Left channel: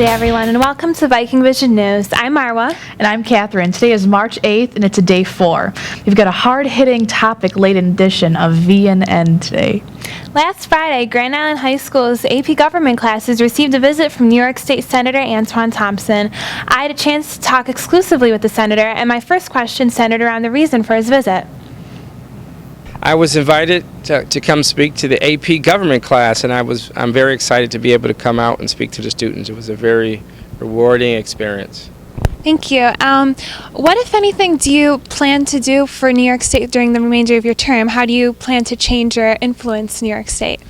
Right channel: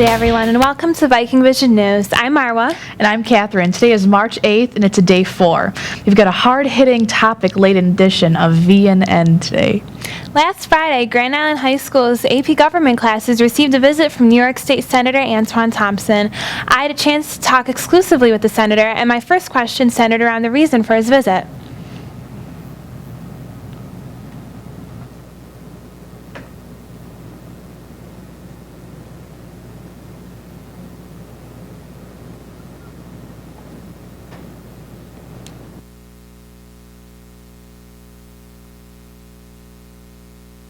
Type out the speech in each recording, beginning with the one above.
day, everyone, and welcome to Viking Vision News. I'm Marwa. And I'm Katherine. Today is March 8th, and it's a day 4. We've got a hard-hitting topic-laden edition of VNN today. Last Friday, Grand Island High School's AP Government classes received a visit from New York State Senator Antoine Thompson. I had a chance to talk exclusively with the senator, and my first question centered around the reason for his visit. I was invited to come speak to the AP Government class, and I'm very excited to be able to come out and speak to the students. It was a very rewarding experience. Thank you. What, if anything, do you plan to do for New York State during the remainder of your term? How do you plan to change or influence New York State?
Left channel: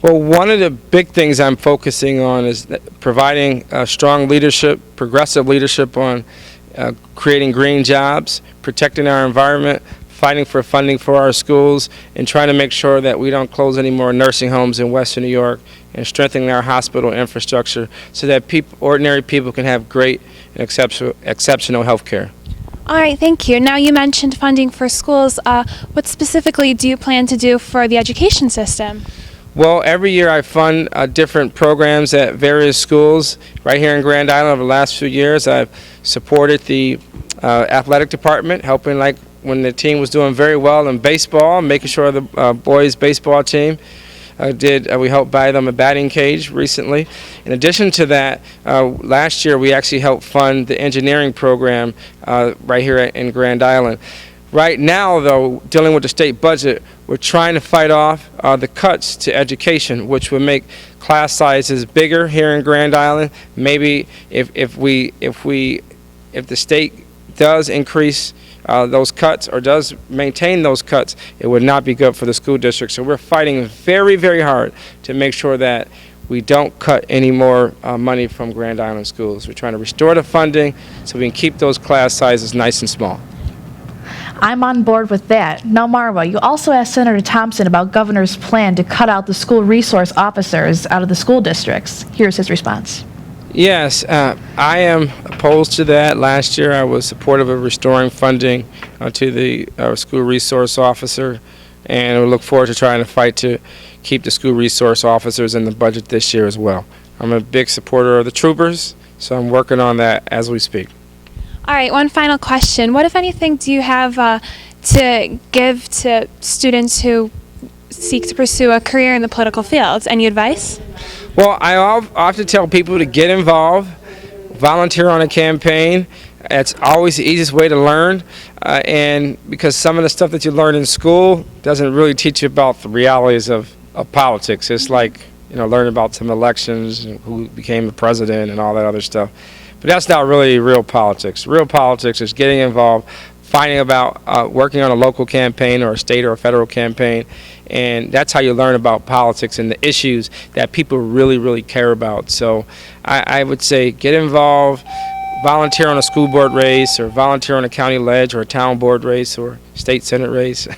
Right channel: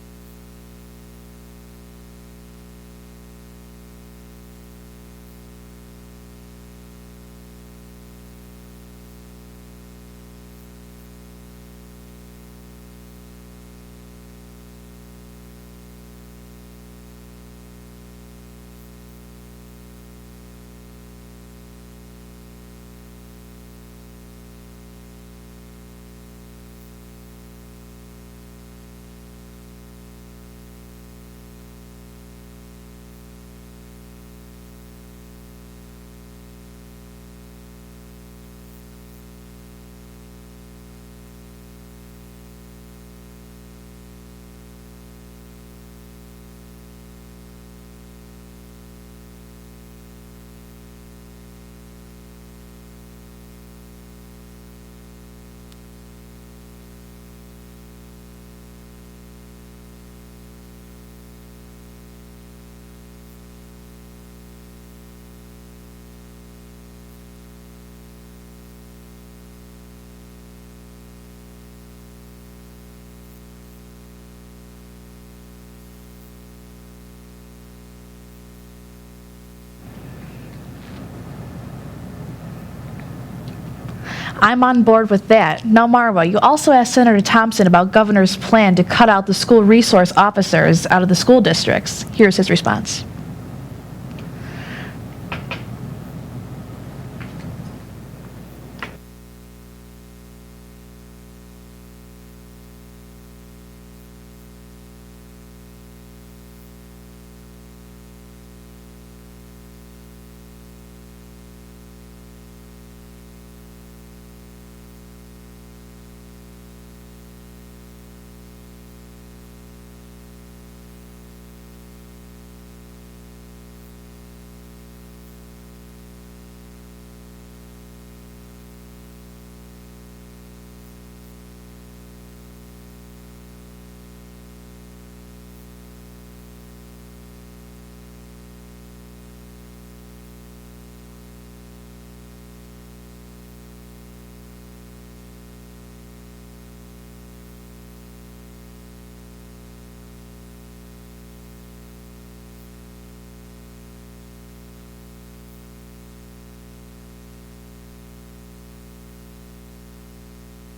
Well, one of the big things I'm focusing on is providing strong leadership, progressive leadership on creating green jobs, protecting our environment, fighting for funding for our schools, and trying to make sure that we don't close any more nursing homes in Western New York, and strengthening our hospital infrastructure so that ordinary people can have great and exceptional health care. All right, thank you. Now, you mentioned funding for schools. What specifically do you plan to do for the education system? Well, every year I fund different programs at various schools. Right here in Grand Island over the last few years, I've supported the athletic department, helping like when the team was doing very well in baseball, making sure the boys baseball team we helped buy them a batting cage recently. In addition to that, last year we actually helped fund the engineering program right here in Grand Island. Right now, though, dealing with the state budget, we're trying to fight off the cuts to education, which would make class sizes bigger here in Grand Island. Maybe if the state does increase those cuts or does maintain those cuts, it would not be good for the school district. So we're fighting very, very hard to make sure that we don't cut any more money from Grand Island schools. We're trying to restore the funding so we can keep those class sizes nice and small. I'm on board with that. Now, Marwa, you also asked Senator Thompson about Governor's plan to cut out the school resource officers out of the school districts. Here's his response. Yes, I am opposed to that. Last year I was supportive of restoring funding to the school resource officer, and we look forward to trying to fight to keep the school resource officers in the budget this year as well. I'm a big supporter of the troopers, so I'm working on that as we speak. All right, one final question. What, if anything, do you have to give to students who seek to pursue a career in the political field? Any advice? Well, I often tell people to get involved, volunteer on a campaign. It's always the easiest way to learn, and because some of the stuff that you learn in school doesn't really teach you about the realities of politics. It's like, learning about some elections and who became the president and all that other stuff. But that's not really real politics. Real politics is getting involved, finding about working on a local campaign or a state or a federal campaign. And that's how you learn about politics and the issues that people really, really care about. So I would say get involved, volunteer on a school board race, or volunteer on a county ledge or a town board race or state senate race,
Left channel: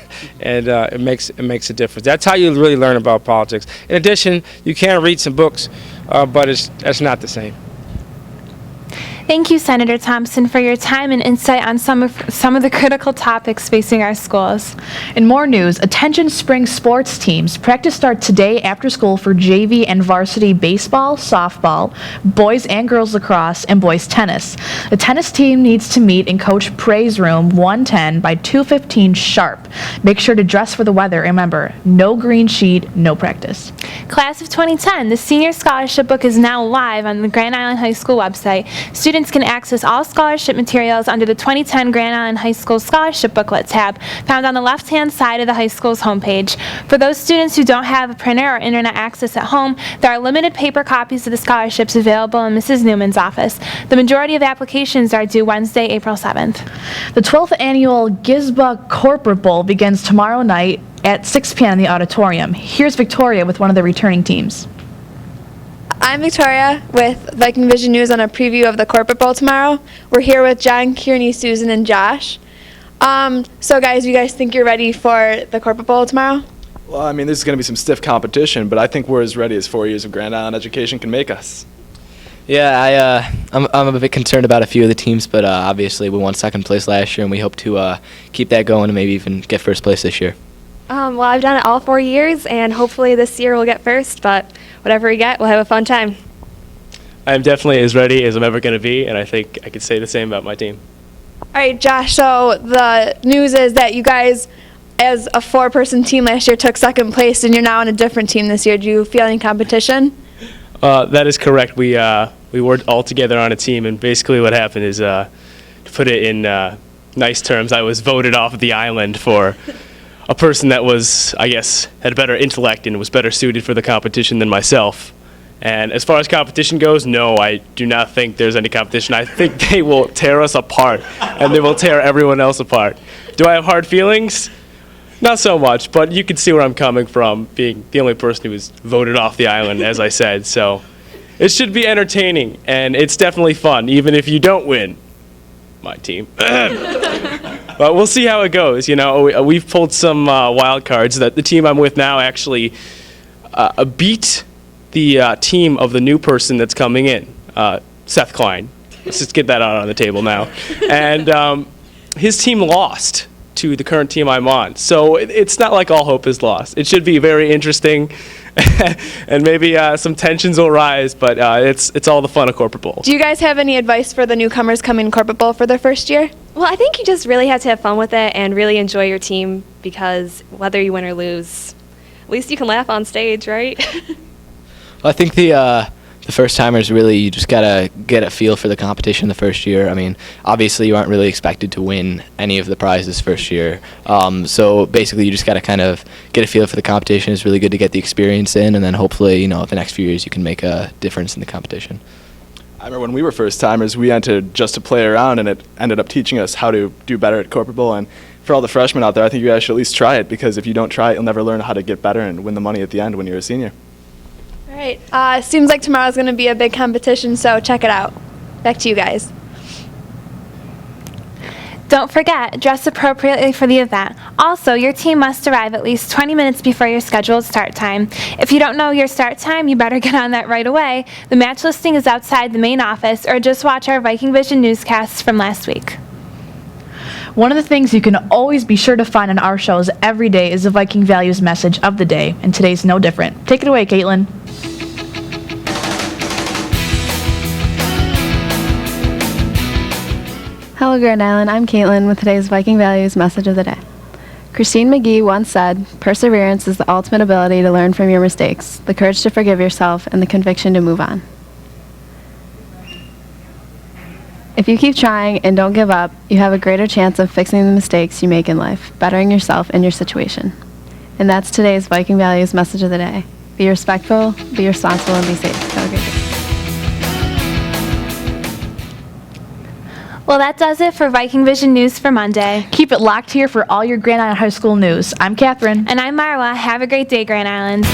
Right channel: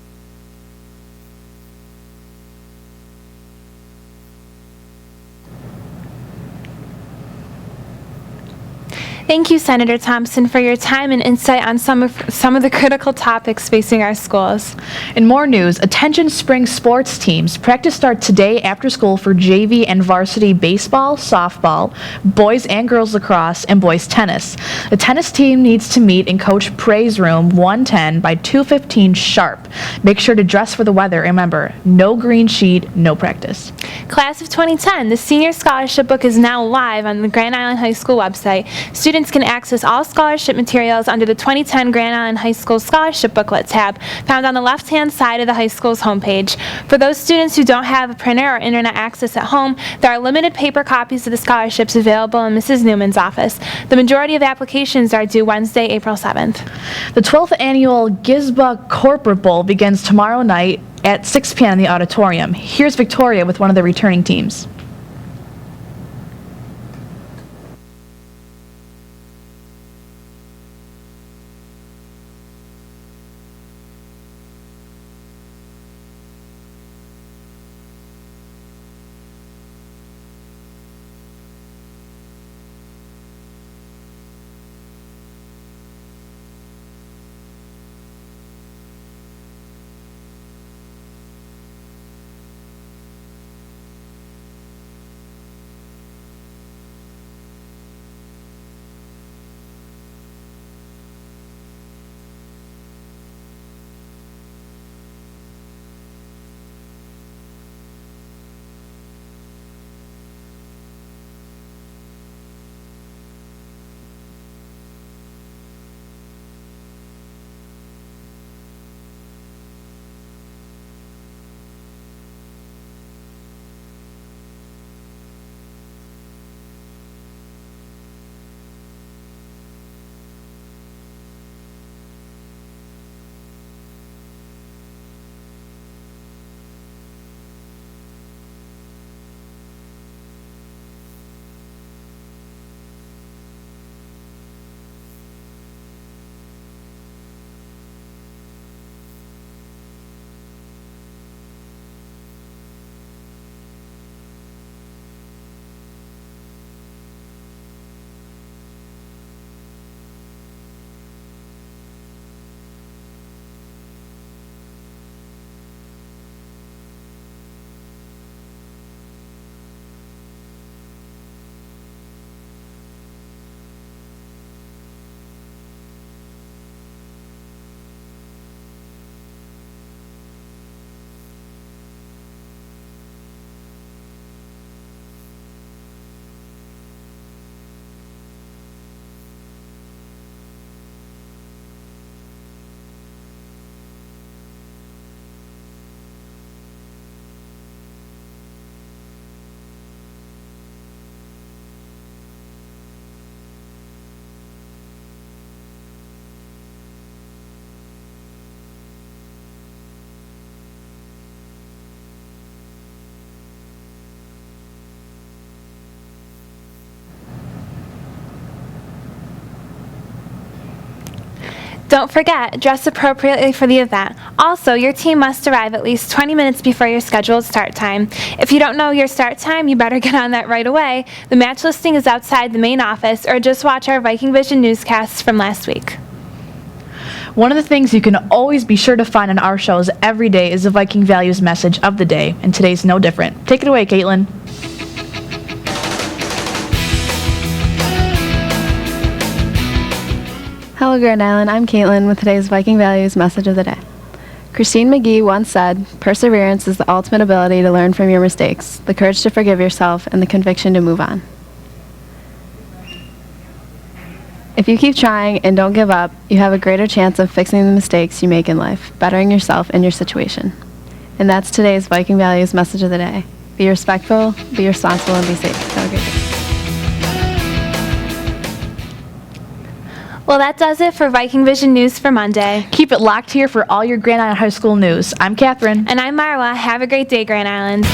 and it makes a difference. That's how you really learn about politics. In addition, you can read some books, but that's not the same. Thank you, Senator Thompson, for your time and insight on some of the critical topics facing our schools. In more news, attention spring sports teams. Practice starts today after school for JV and varsity baseball, softball, boys and girls lacrosse, and boys tennis. The tennis team needs to meet in Coach Prey's room 110 by 2:15 sharp. Make sure to dress for the weather. Remember, no green sheet, no practice. Class of 2010, the Senior Scholarship Book is now live on the Grand Island High School website. Students can access all scholarship materials under the 2010 Grand Island High School Scholarship Booklet tab, found on the left-hand side of the high school's homepage. For those students who don't have a printer or internet access at home, there are limited paper copies of the scholarships available in Mrs. Newman's office. The majority of applications are due Wednesday, April 7th. The 12th annual GISBA Corporate Bowl begins tomorrow night at 6 p.m. in the auditorium. Here's Victoria with one of the returning teams. I'm Victoria with Viking Vision News on a preview of the Corporate Bowl tomorrow. We're here with John, Kearney, Susan, and Josh. So guys, you guys think you're ready for the Corporate Bowl tomorrow? Well, I mean, this is going to be some stiff competition, but I think we're as ready as 4 years of Grand Island education can make us. Yeah, I'm a bit concerned about a few of the teams, but obviously we won second place last year, and we hope to keep that going and maybe even get first place this year. Well, I've done it all 4 years, and hopefully this year we'll get first, but whatever we get, we'll have a fun time. I'm definitely as ready as I'm ever going to be, and I think I could say the same about my team. All right, Josh, so the news is that you guys, as a 4-person team last year, took second place, and you're now on a different team this year. Do you feel any competition? That is correct. We worked all together on a team, and basically what happened is, to put it in nice terms, I was voted off of the island for a person that was, I guess, had better intellect and was better suited for the competition than myself. And as far as competition goes, no, I do not think there's any competition. I think they will tear us apart, and they will tear everyone else apart. Do I have hard feelings? Not so much, but you can see where I'm coming from, being the only person who was voted off the island, as I said. So it should be entertaining, and it's definitely fun, even if you don't win. My team. But we'll see how it goes. You know, we've pulled some wild cards that the team I'm with now actually beat the team of the new person that's coming in, Seth Klein. Let's just get that out on the table now. And his team lost to the current team I'm on. So it's not like all hope is lost. It should be very interesting, and maybe some tensions will rise, but it's all the fun of Corporate Bowl. Do you guys have any advice for the newcomers coming to Corporate Bowl for their first year? Well, I think you just really have to have fun with it and really enjoy your team, because whether you win or lose, at least you can laugh on stage, right? Well, I think the first timers really, you just gotta get a feel for the competition the first year. I mean, obviously you aren't really expected to win any of the prizes first year. So basically you just gotta kind of get a feel for the competition. It's really good to get the experience in, and then hopefully, you know, the next few years you can make a difference in the competition. I remember when we were first timers, we entered just to play around, and it ended up teaching us how to do better at Corporate Bowl. And for all the freshmen out there, I think you guys should at least try it, because if you don't try it, you'll never learn how to get better and win the money at the end when you're a senior. All right, seems like tomorrow's going to be a big competition, so check it out. Back to you guys. Don't forget, dress appropriately for the event. Also, your team must arrive at least 20 minutes before your scheduled start time. If you don't know your start time, you better get on that right away. The match listing is outside the main office, or just watch our Viking Vision newscasts from last week. One of the things you can always be sure to find on our shows every day is the Viking Values Message of the day, and today's no different. Take it away, Caitlin. Hello, Grand Island. I'm Caitlin with today's Viking Values Message of the Day. Christine McGee once said, "Perseverance is the ultimate ability to learn from your mistakes, the courage to forgive yourself, and the conviction to move on." If you keep trying and don't give up, you have a greater chance of fixing the mistakes you make in life, bettering yourself and your situation. And that's today's Viking Values Message of the Day. Be respectful, be responsible, and be safe. Have a great day. Well, that does it for Viking Vision News for Monday. Keep it locked here for all your Grand Island High School news. I'm Katherine. And I'm Marwa. Have a great day, Grand Island.